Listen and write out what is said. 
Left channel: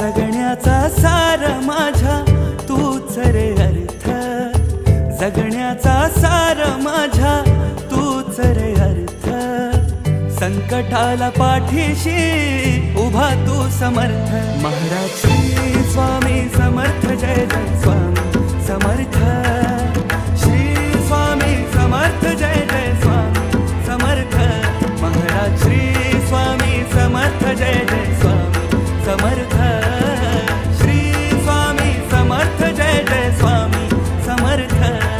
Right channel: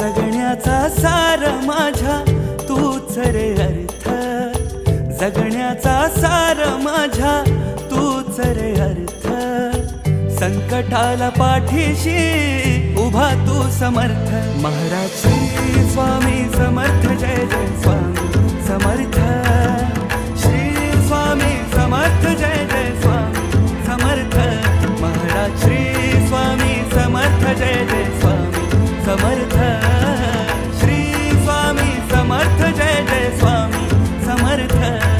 जगण्याचा सार माझ्या तूच रे अर्थ, जगण्याचा सार माझ्या तूच रे अर्थ. संकटाला पाठीशी उभा तू समर्थ. महाराज श्री स्वामी समर्थ, जय जय स्वामी समर्थ. श्री स्वामी समर्थ, जय जय स्वामी समर्थ. महाराज श्री स्वामी समर्थ, जय जय स्वामी समर्थ. श्री स्वामी समर्थ, जय जय स्वामी समर्थ.